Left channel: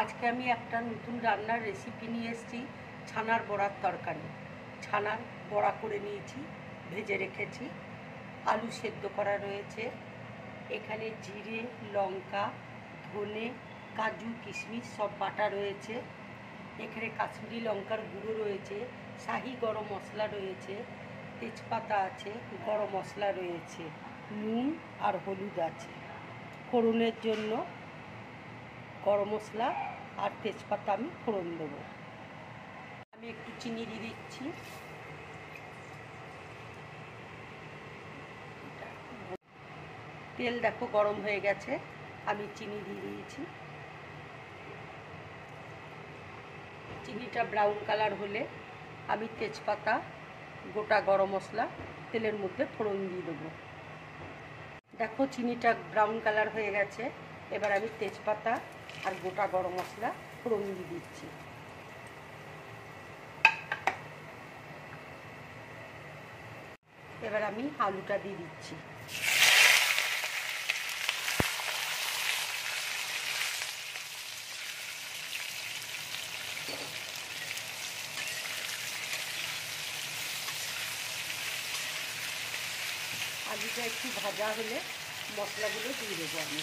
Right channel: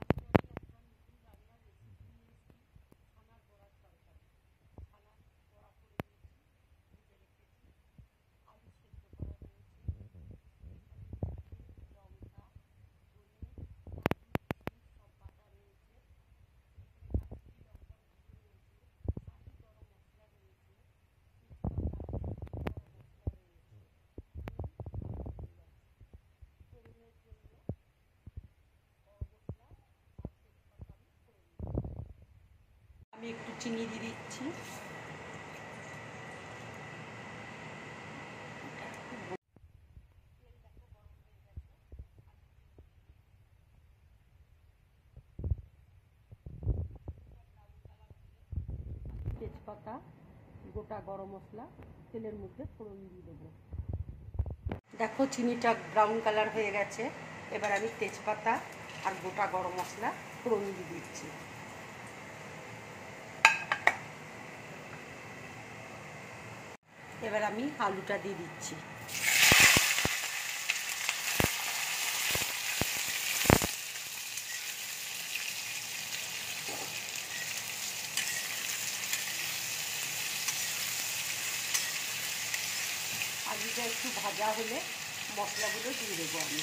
আজকে আমি একটা নতুন রান্নার রেসিপি নিয়ে এসেছি, ছানার বড়ার তরকারি। ছানার বড়া করে নিয়েছি, ভেজে রেখেছি, আলু সেদ্ধ করা রয়েছে, এখানে জিরে, লঙ্কা, ধনে, কাজু, কিশমিশ সব বাটা রয়েছে, এখানে কাশ্মীরি লঙ্কার গুঁড়ো রয়েছে, শাহি গরম মশলা রয়েছে, তেজপাতা আছে, গরম মশলা রয়েছে, নুন আর হলুদ আছে। ফোড়নের জন্য গরম মশলা আর তেজপাতা আমি ফোড়ন দেবো। আমি একটু চিনি দিয়ে দিচ্ছি। তেল দেখো গরম হয়ে গেছে, আমি চিনি দিয়ে দিয়েছি। চিনিটা ব্রাউন কালার হলে আমি তেজপাতা, গোটা গরম মশলা তেলের মধ্যে ফোড়ন দিয়ে দেবো। দেখো চিনিটা ব্রাউন কালার হয়ে গেছে, এবার আমি তেজপাতা আর গোটা গরম মশলা ফোড়ন দিয়ে দিচ্ছি। এবার আমি আলুটা দিয়ে দিচ্ছি। আলুটা একটু ভাজা হলে মশলাগুলো দিয়ে দেবো আমি।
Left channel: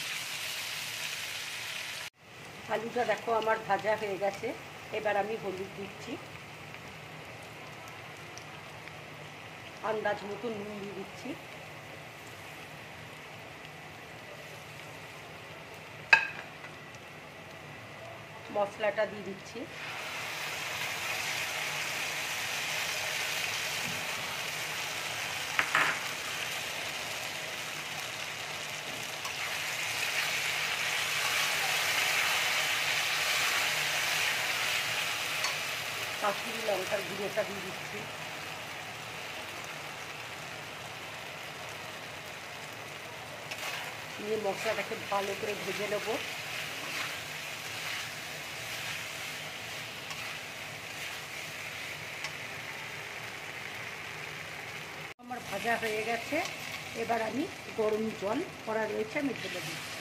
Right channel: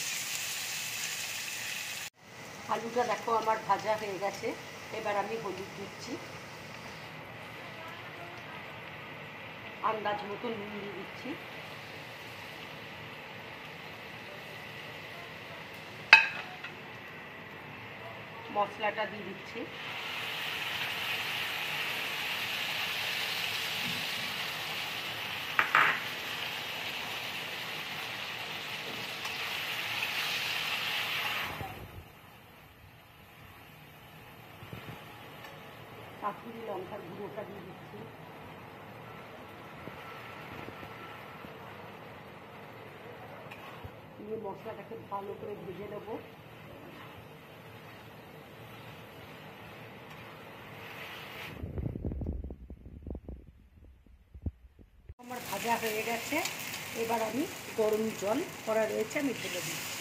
আলুটা দেখো আমার ভাজা হয়ে গেছে, এবার আমি হলুদ দিচ্ছি, আন্দাজ মতো নুন দিয়ে দিচ্ছি, মশলাটা দিয়ে দিচ্ছি, কাশ্মীরি লঙ্কার গুঁড়োটা দিয়ে দিচ্ছি, দিয়ে মশলাটাকে ভালো করে ভেজে নেব। আমার ভাজা হয়ে গেছে, এবার আমি গরম জল করা রয়েছে আমি ঢেলে দিচ্ছি।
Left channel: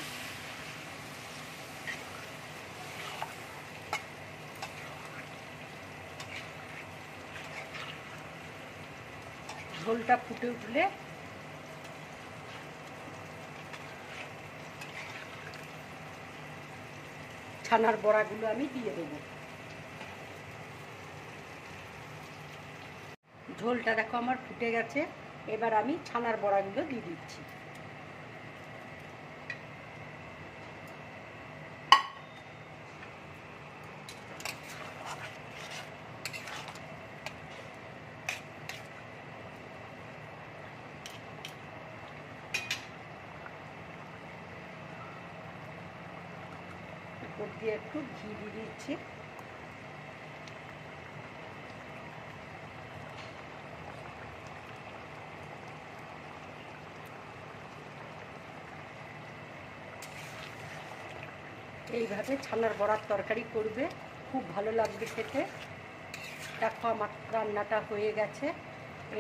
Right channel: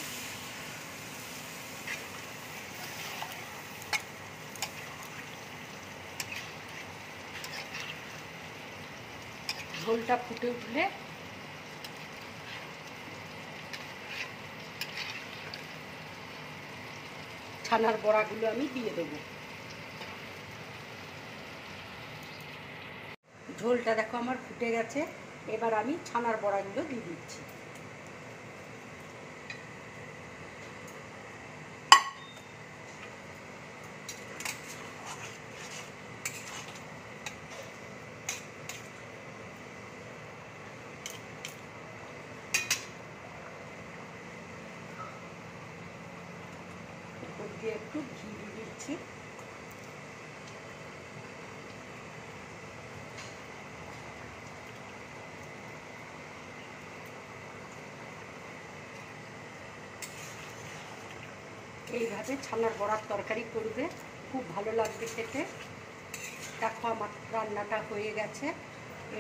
ঝোলটা ফুটে উঠলে ছানার বড়াগুলো আমি দিয়ে দেবো। ঝোলটা দেখো আমার ফুটে গেছে, এবার আমি ছানার বড়াগুলো দিয়ে দিচ্ছি। উপর দিয়ে একটু ঘি দিয়ে দিচ্ছি। এইভাবে ছানার বড়ার তরকারি করবে, খুব ভালো লাগবে খেতে। দেখো আমার রান্নাটা হয়ে গেছে,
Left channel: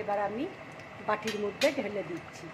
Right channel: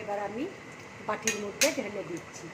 এবার আমি বাটির মধ্যে ঢেলে দিচ্ছি।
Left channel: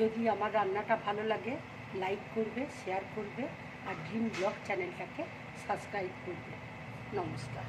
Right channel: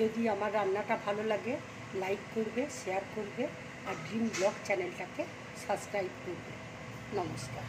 যদি আমার রান্নাটা ভালো লাগে লাইক করবে, শেয়ার করবে আর ড্রিম ব্লগ চ্যানেলটাকে সাবস্ক্রাইব করবে। নমস্কার।